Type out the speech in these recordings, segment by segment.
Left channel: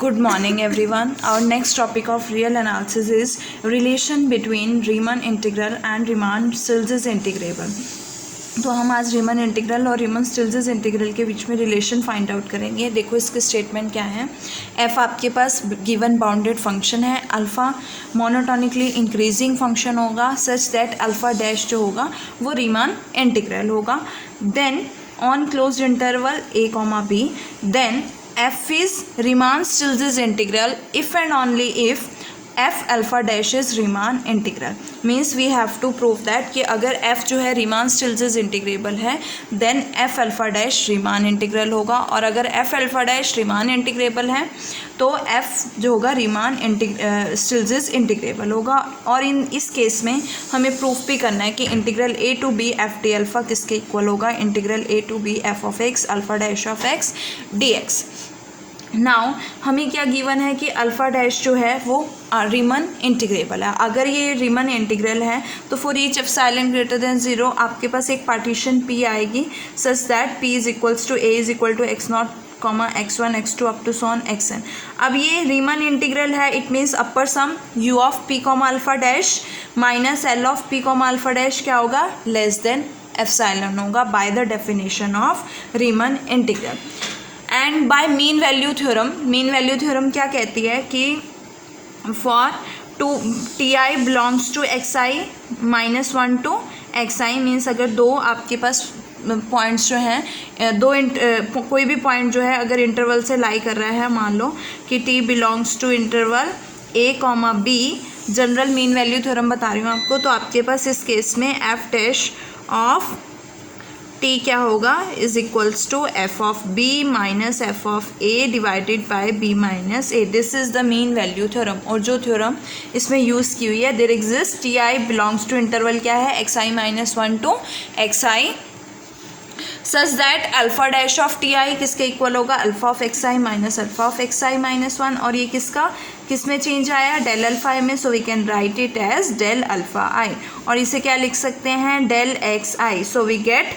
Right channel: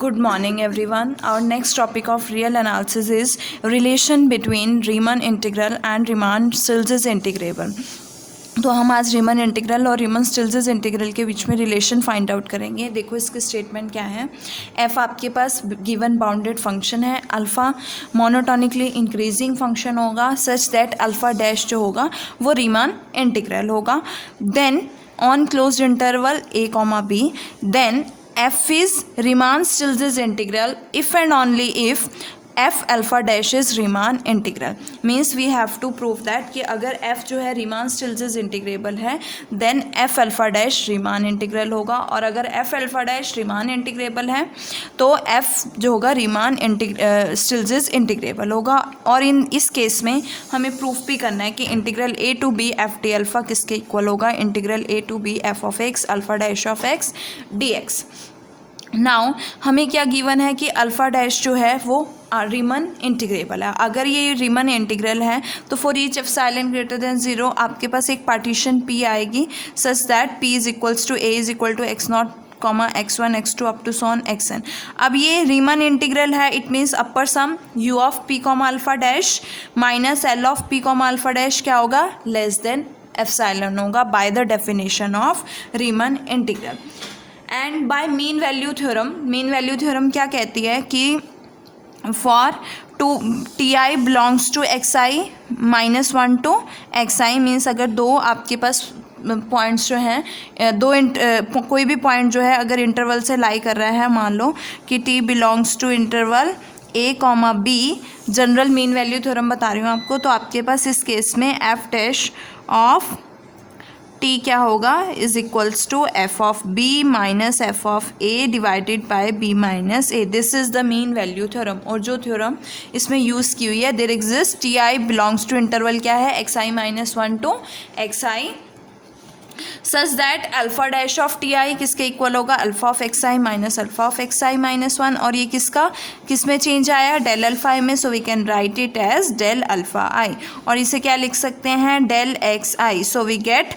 Good morning everyone. Our next topic of real analysis is relation between Riemann integral and Riemann-Stieltjes integral. तो हम आज रीमन integral और रीमन Stieltjes integral के बीच में relation find out करेंगे. देखो इसकी स्टेटमेंट क्या है. एफ आपके पास गिवन बाउंडेड फंक्शन है. अल्फ़ा मोनोटोनिकली इंक्रीजिंग फंक्शन होगा सच दैट अल्फ़ा डैश जो होगा वो रीमन इंटीग्रल होगा. Then on closed interval a comma b then f is Riemann-Stieltjes integral if and only if f alpha dash is Riemann integral. Means we have to prove that कि अगर f जो है Riemann-Stieltjes integrable है then f alpha dash Riemann integral होगा, और अगर f alpha dash Riemann integrable है तो f जो होगा Riemann-Stieltjes इंटीग्रेबल होगा. और इस केस में हमें प्रूफ भी करना है कि integral a to b f d alpha किसके इक्वल होगा. Integral a to b f of x alpha dash of x dx. Now हमें क्या गिवन है कि अल्फ़ा डैश जो है वो रीमन इंटीग्रेबल है. अगर ये रीमन इंटीग्रल है तो for each epsilon greater than 0 आपके पास एक पार्टीशन p आएगी such that p is equals to a is equal to x naught comma x1 x2 up to सॉन xn. अब ये रीमन इंटीग्रल है. It means upper sum u of p comma alpha dash minus l of p comma alpha dash क्या होगा less than epsilon होगा by the definition of Riemann integral. And bye mean value theorem क्या कहती है कि for to t i belongs to x i minus 1 to x i. Means अगर दो आपके पास पॉइंट्स जो हैं कोई भी पॉइंट जो है अगर इंटरवल से लाई कर रहा है, मान लो कि t belongs to interval a comma b, general mean value theorem बता रही हूँ आपको, तो आपके पास इस केस में एफ डैश ऑफ टी क्या होगा is equals to f of b minus f of a divided by b minus a. This is the mean value theorem. और जो थ्योरम इसमें यूज़ की हुई है there exist t i belongs to interval क्या है x i minus 1 to x i such that alpha dash of t i किसके equal होगा alpha of x i minus alpha of x i minus 1. और ये किस में change आया del alpha i में, so we can write it as del alpha i. और इसे क्या लिख सकते हैं del x i. So we get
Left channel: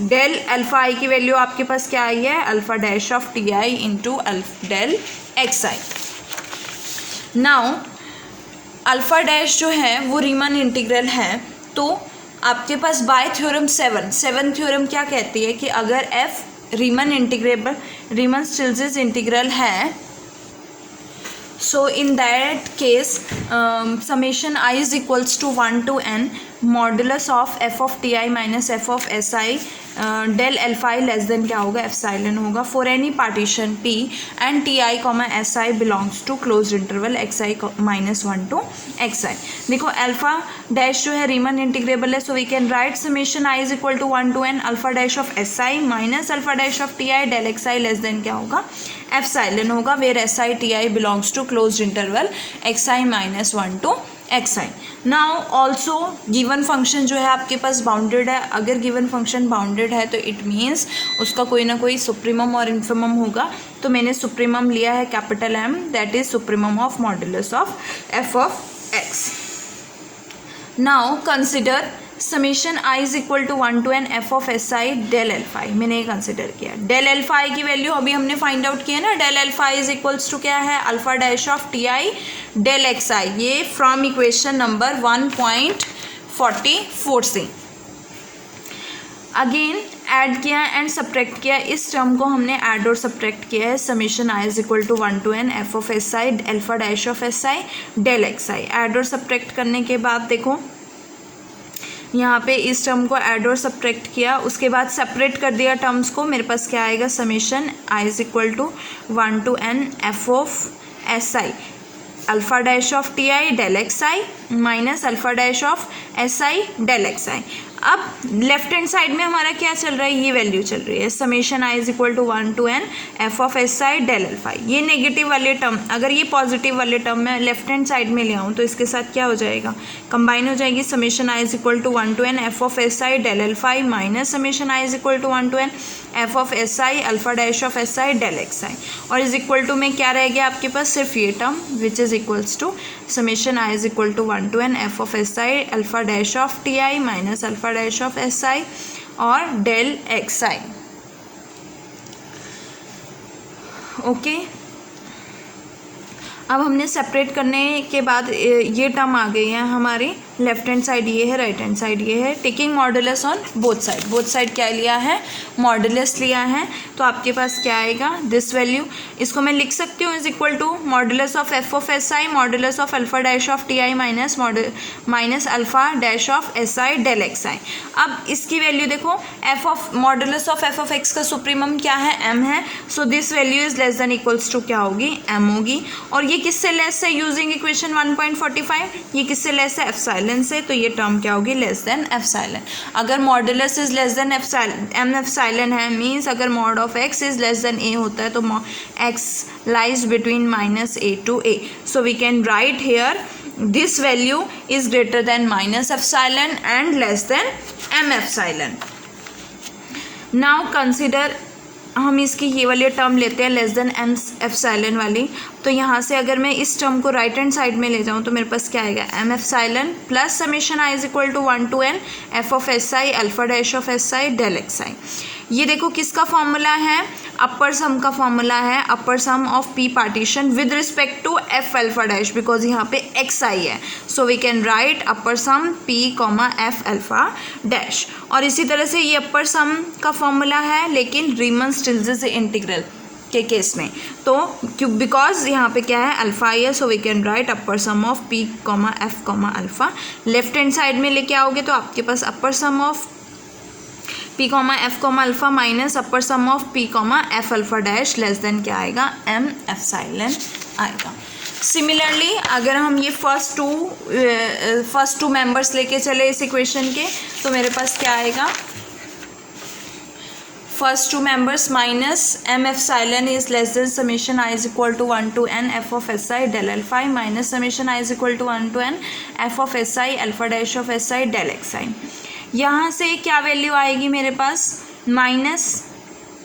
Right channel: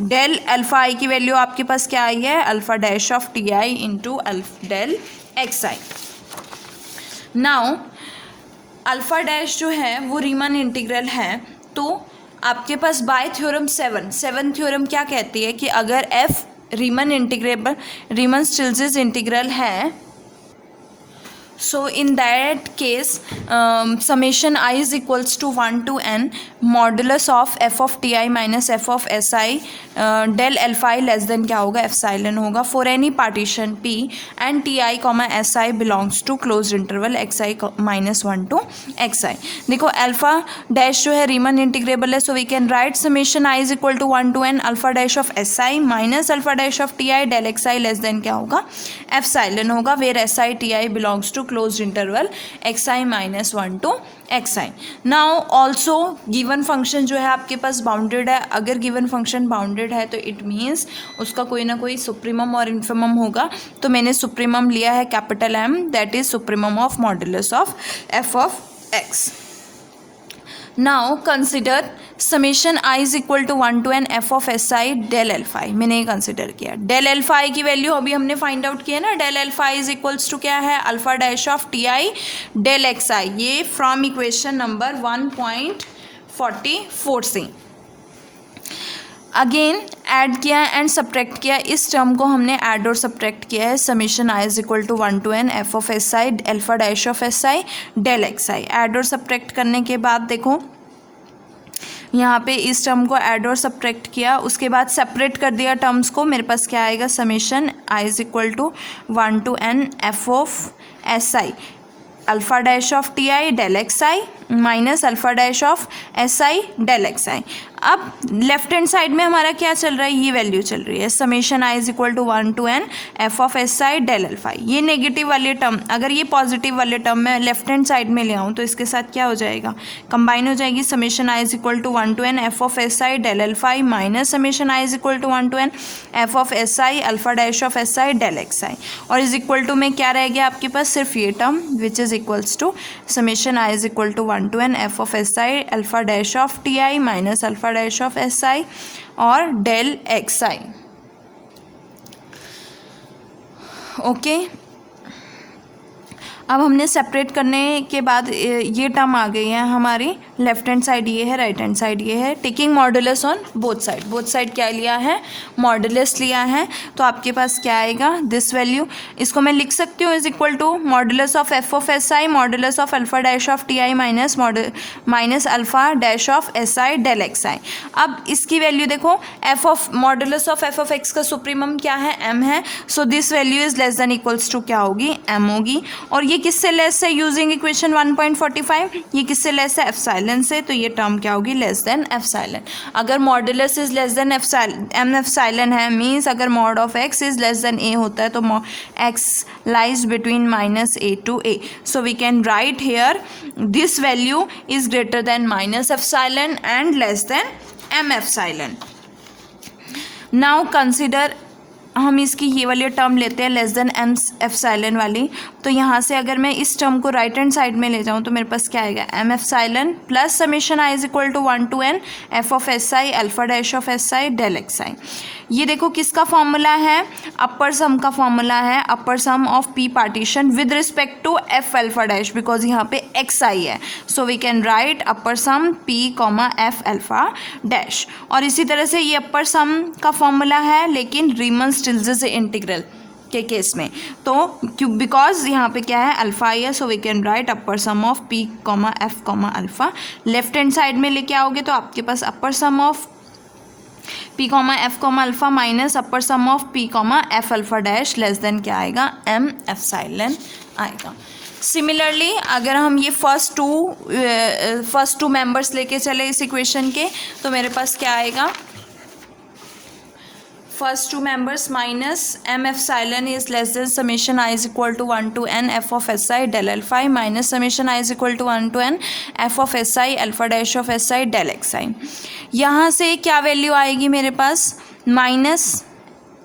del alpha i की वैल्यू आपके पास क्या आई है alpha dash of t i into del x i. Now alpha dash जो है वो रीमन इंटीग्रल है. तो आपके पास बाय थ्योरम 7 थ्योरम क्या कहती है कि अगर f Riemann integrable Riemann Stieltjes integral है so in that case summation i is equals to 1 to n modulus of f of t i minus f of s i del alpha i less than क्या होगा epsilon होगा for any partition p and t i comma s i belongs to close interval x i minus 1 to x i. देखो alpha dash जो है Riemann integrable है, so we can write summation i is equal to 1 to n alpha dash of s i minus alpha dash of t i del x i less than क्या होगा epsilon होगा where s i t i belongs to close interval x i minus 1 to x i. Now also given function जो है आपके पास bounded है. अगर given function bounded है तो इट मीन्स उसका कोई ना कोई सुप्रीमम और इन्फिमम होगा. तो मैंने सुप्रीमम लिया है capital M, that is supremum of modulus of f of x. Now consider summation i is equal to 1 to n f of s i del alpha i. मैंने ये कंसिडर किया. Del alpha i की value अभी हमने find out किया ना. Del alpha i is equals to क्या है alpha dash of t i del x i. ये फ्रॉम इक्वेशन नंबर 1.44 से अगेन ऐड किया एंड सब्ट्रैक्ट किया. इस टर्म को हमने ऐड और सब्ट्रैक्ट किया है. Summation i is equal to 1 to n f of s i alpha dash of s i del x i. Add और सब्ट्रैक्ट करने के बाद देखो यहाँ पे इस टर्म को ऐड और सब्ट्रैक्ट किया, उसके बाद सेपरेट कर दिया टर्म्स को. मेरे पास क्या आएगा summation i is equal to 1 to n f of s i alpha dash of t i del x i minus alpha dash of s i del x i. अब लेफ्ट हैंड साइड में हमारा क्या चल रहा है ये value चल रही है summation i is equal to 1 to n f of s i del alpha. ये नेगेटिव वाले टर्म अगर ये पॉजिटिव वाले टर्म मैं लेफ्ट हैंड साइड में ले आऊँ तो इसके साथ क्या हो जाएगा कंबाइन हो जाएगी. Summation i is equal to 1 to n f of s i del alpha i minus summation i is equal to 1 to n f of s i alpha dash of s i del x i. और is equal to में क्या रह गया आपके पास सिर्फ ये term which is equals to summation i is equal to 1 to n f of s i alpha dash of t i minus alpha dash of s i और डेल एक्स आई. Okay अब हमने सेपरेट करने के बाद ये term आ गई है हमारी, लेफ्ट हैंड साइड ये है, राइट हैंड साइड ये है। Taking modulus on both side क्या लिया है, मॉडुलस लिया है। तो आपके पास क्या आएगा, दिस वैल्यू, इसको मैं लिख सकती हूँ is equal to modulus of f of s i modulus of alpha dash of t i minus alpha dash of s i del x i. अब इसकी वैल्यू देखो, f of modulus of f of x का supremum क्या है, M है। So this value is less than equals to क्या होगी, M होगी। और ये किससे लेस है, यूजिंग इक्वेशन 1.45, ये किससे लेस है, एप्सिलॉन से। तो ये टर्म क्या होगी, लेस देन एप्सिलॉन। अगर modulus is less than M epsilon है, मीन्स अगर mod of x is less than a होता है तो x lies between minus a to a. So we can write here this value is greater than minus epsilon and less than M epsilon. Now consider, हम इसकी ये वाली term लेते हैं less than M epsilon वाली। तो यहाँ से अगर मैं इस टर्म को राइट हैंड साइड में ले जाऊँ तो मेरे पास क्या आएगा, M epsilon plus summation i is equal to 1 to n f of s i alpha dash of s i del x i. ये देखो किसका फॉर्मूला है, अपर सम का फॉर्मूला है, upper sum of p partition with respect to f alpha dash, because यहाँ पे x i है। So we can write upper sum p comma f alpha dash. और इसी तरह से ये अपर सम का फॉर्मूला है लेकिन रीमन-स्टिल्टज इंटीग्रल के केस में, तो क्यों, बिकॉज यहाँ पे क्या है, अल्फा आई है। So we can write upper sum of p comma f comma alpha. Left hand side में लेके आओगे तो आपके पास upper sum of p comma f comma alpha minus upper sum of p comma f alpha dash less than क्या आएगा, M epsilon आएगा। Similarly अगर हम ये फर्स्ट टू मेंबर्स लेके चले इस इक्वेशन के, तो मेरे पास क्या आएगा, first two members minus M epsilon is less than summation i is equal to 1 to n f of s i del alpha i minus summation i is equal to 1 to n f of s i alpha dash of s i del x i. यहाँ से क्या value आएगी मेरे पास, minus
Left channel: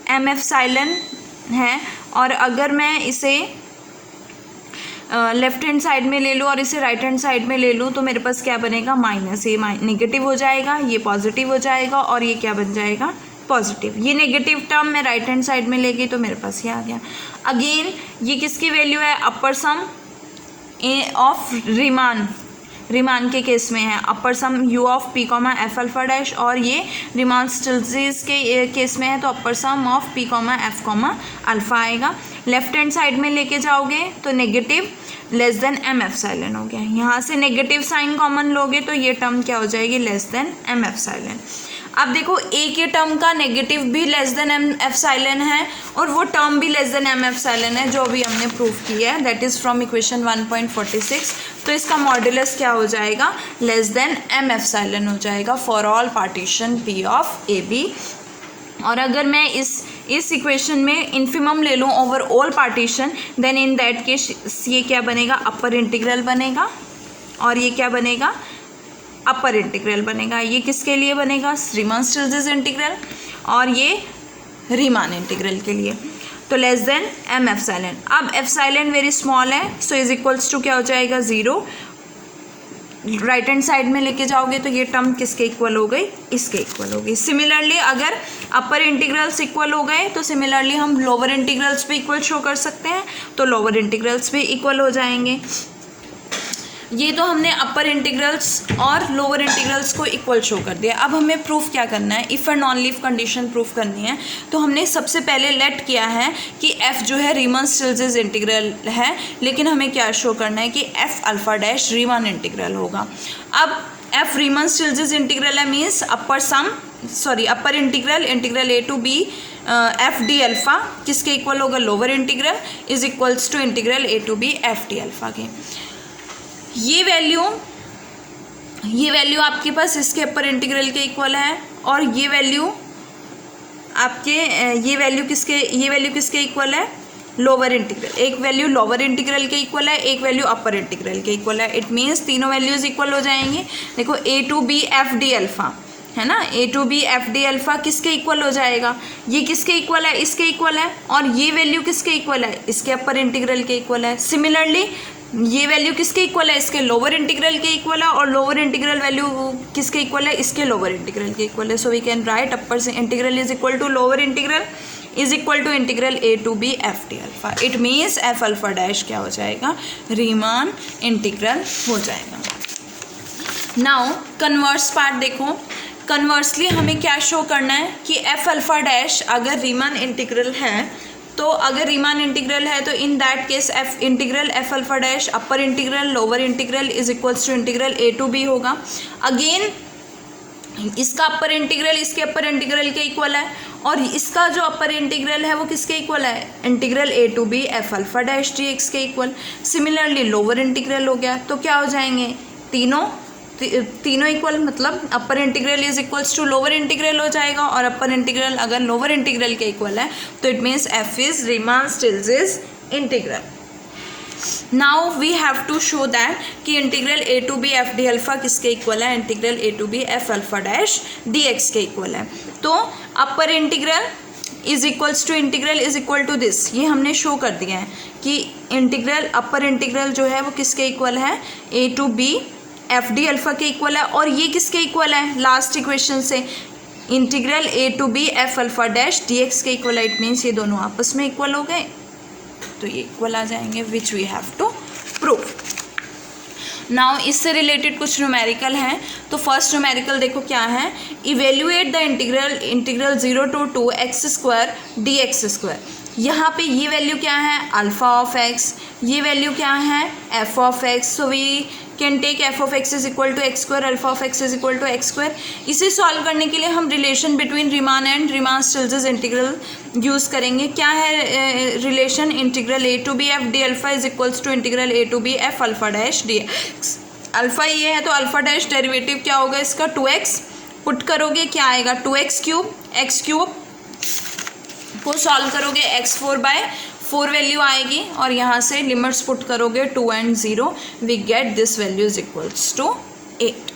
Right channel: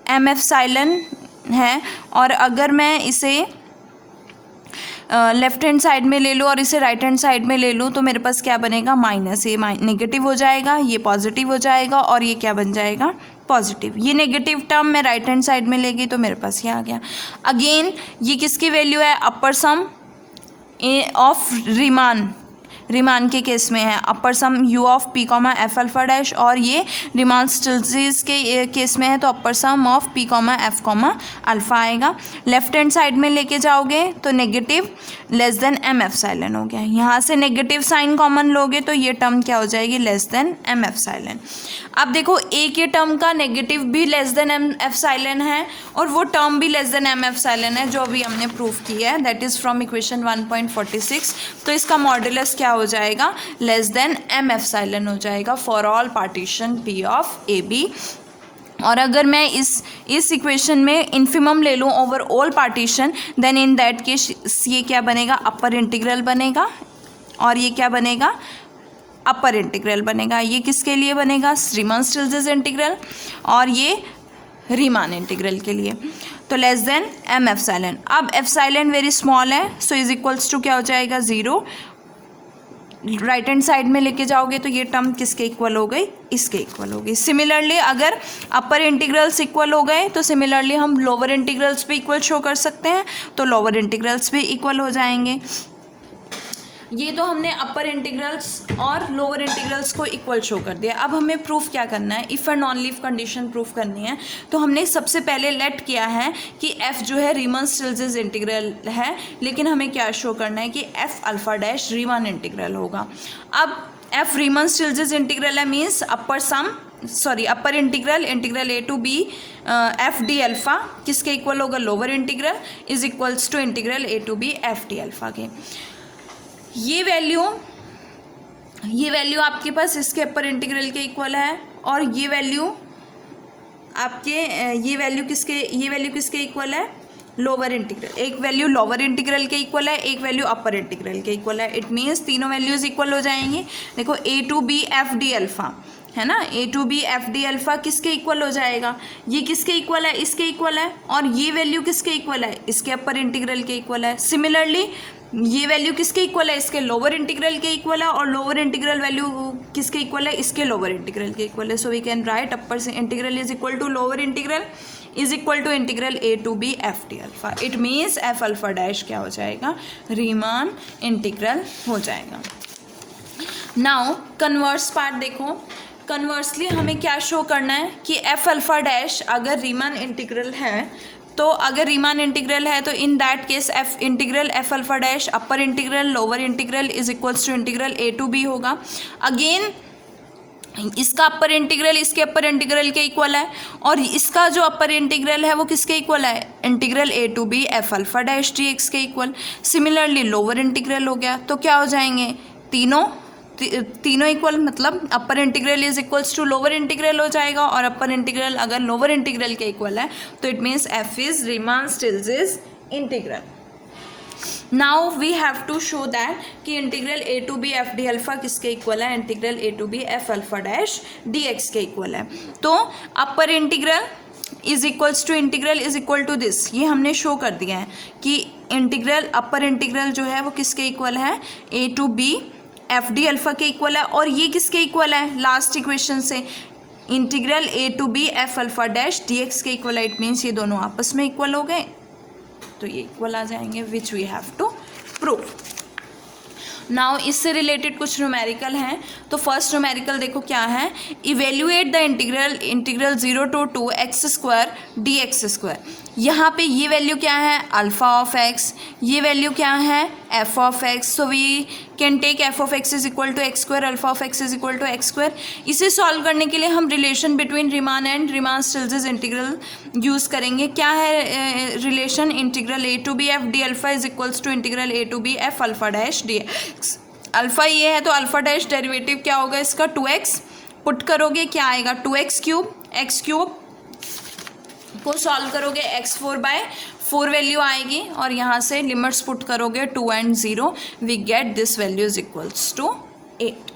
M epsilon है। और अगर मैं इसे लेफ्ट हैंड साइड में ले लूँ और इसे राइट हैंड साइड में ले लूँ तो मेरे पास क्या बनेगा, माइनस, ये नेगेटिव हो जाएगा, ये पॉजिटिव हो जाएगा और ये क्या बन जाएगा, पॉजिटिव। ये नेगेटिव टर्म मैं राइट हैंड साइड में ले गई तो मेरे पास ये आ गया। अगेन ये किसकी वैल्यू है, अपर सम ऑफ रिमान के केस में है, upper sum u of p comma f alpha dash, और ये रीमन-स्टिल्टज के केस में है तो upper sum of p comma f comma alpha आएगा। लेफ्ट हैंड साइड में लेके जाओगे तो negative less than M epsilon हो गया। यहाँ से नेगेटिव साइन कॉमन लोगे तो ये टर्म क्या हो जाएगी, लेस देन एम एप्सिलॉन। अब देखो ए के टर्म का नेगेटिव भी लेस देन एम एप्सिलॉन है और वो टर्म भी लेस देन एम एप्सिलॉन है, जो अभी हमने प्रूव किया है, दैट इज़ फ्रॉम इक्वेशन 1.46। तो इसका मॉड्यूलस क्या हो जाएगा, लेस देन एम एप्सिलॉन हो जाएगा for all partition p of a b. और अगर मैं इस इक्वेशन में इन्फिमम ले लूँ over all partition, then in that case ये क्या बनेगा, अपर इंटीग्रल बनेगा, और ये क्या बनेगा, अपर इंटीग्रल बनेगा। ये किसके लिए बनेगा, रीमन-स्टिल्टज इंटीग्रल, और ये रीमान इंटीग्रल के लिए। तो लेस देन एम एप्सिलॉन। अब एप्सिलॉन वेरी स्मॉल है, सो इज इक्वल्स टू क्या हो जाएगा, 0। राइट हैंड साइड में लेके जाओगे तो ये टर्म किसके इक्वल हो गई, इसके इक्वल हो गई। सिमिलरली अगर अपर इंटीग्रल्स इक्वल हो गए तो सिमिलरली हम लोअर इंटीग्रल्स भी इक्वल शो कर सकते हैं, तो लोअर इंटीग्रल्स भी इक्वल हो जाएंगे। ये तो हमने अपर इंटीग्रल्स और लोअर इंटीग्रल्स को इक्वल शो कर दिया। अब हमें प्रूफ क्या करना है, if and only if condition proof करनी है। तो हमने सबसे पहले लेट किया है कि एफ जो है रीमन-स्टिल्टज इंटीग्रल है, लेकिन हमें क्या शो करना है कि f alpha dash Riemann integral होगा। अब एफ रीमन-स्टिल्टज इंटीग्रल है, means upper integral a to b f d alpha किसके इक्वल होगा, lower integral is equals to integral a to b f d alpha के। ये वैल्यू आपके पास इसके upper integral के इक्वल है, और ये वैल्यू किसके इक्वल है, लोअर इंटीग्रल। एक वैल्यू लोअर इंटीग्रल के इक्वल है, एक वैल्यू अपर इंटीग्रल के इक्वल है। इट मीन्स तीनों वैल्यूज़ इक्वल हो जाएंगी। देखो a to b f d alpha है ना, a to b f d alpha किसके इक्वल हो जाएगा, ये किसके इक्वल है, इसके इक्वल है, और ये वैल्यू किसके इक्वल है, इसके अपर इंटीग्रल के इक्वल है। सिमिलरली ये वैल्यू किसके इक्वल है, इसके लोअर इंटीग्रल के इक्वल है, और लोअर इंटीग्रल वैल्यू किसके इक्वल है, इसके लोअर इंटीग्रल के इक्वल है। So we can write upper integral is equal to lower integral is equal to integral a to b f d alpha. It means f alpha dash क्या हो जाएगा, Riemann integral हो जाएगा। Now converse part देखो, conversely हमें क्या show करना है कि एफ अल्फा डैश अगर रीमान इंटीग्रल है, तो अगर रीमान इंटीग्रल है तो in that case f integral f alpha dash upper integral lower integral is equals to integral a to b होगा। अगेन इसका अपर इंटीग्रल इसके अपर इंटीग्रल के इक्वल है, और इसका जो अपर इंटीग्रल है वो किसके इक्वल है, integral a to b f alpha dash d x के इक्वल। सिमिलरली लोअर इंटीग्रल हो गया, तो क्या हो जाएंगे, तीनों इक्वल, मतलब upper integral is equals to lower integral हो जाएगा, और अपर इंटीग्रल अगर लोअर इंटीग्रल के इक्वल है तो it means f is Riemann Stieltjes integral. Now we have to show that कि integral a to b f d alpha किसके equal है, integral a to b f alpha dash d x के equal है। तो upper integral is equals to integral is equal to this, ये हमने show कर दिया है कि इंटीग्रल अपर इंटीग्रल जो है वो किसके इक्वल है, a to b f d alpha के इक्वल है, और ये किसके इक्वल है, लास्ट इक्वेशन से integral a to b f alpha dash d x के इक्वल है। इट मीन्स ये दोनों आपस में इक्वल हो गए, तो ये इक्वल आ जाएंगे, which we have to prove. Now इससे रिलेटेड कुछ न्यूमेरिकल हैं, तो फर्स्ट न्यूमेरिकल देखो क्या है, evaluate the integral 0 to 2 x square d x square. यहाँ पे ये वैल्यू क्या है, अल्फा ऑफ एक्स, ये वैल्यू क्या है, f of x. So we can take f of x is equal to x square, alpha of x is equal to x square. इसे solve करने के लिए हम relation between Riemann and Riemann Stieltjes integral use करेंगे। क्या है relation, integral a to b f d alpha is equals to integral a to b f alpha dash d x. Alpha ये है तो अल्फा डैश डेरिवेटिव क्या होगा इसका, 2x put करोगे क्या आएगा, 2x क्यूब, एक्स क्यूब को सॉल्व करोगे x4/4 वैल्यू आएगी, और यहाँ से लिमिट्स पुट करोगे 2 and 0, we get this value is equals to 8।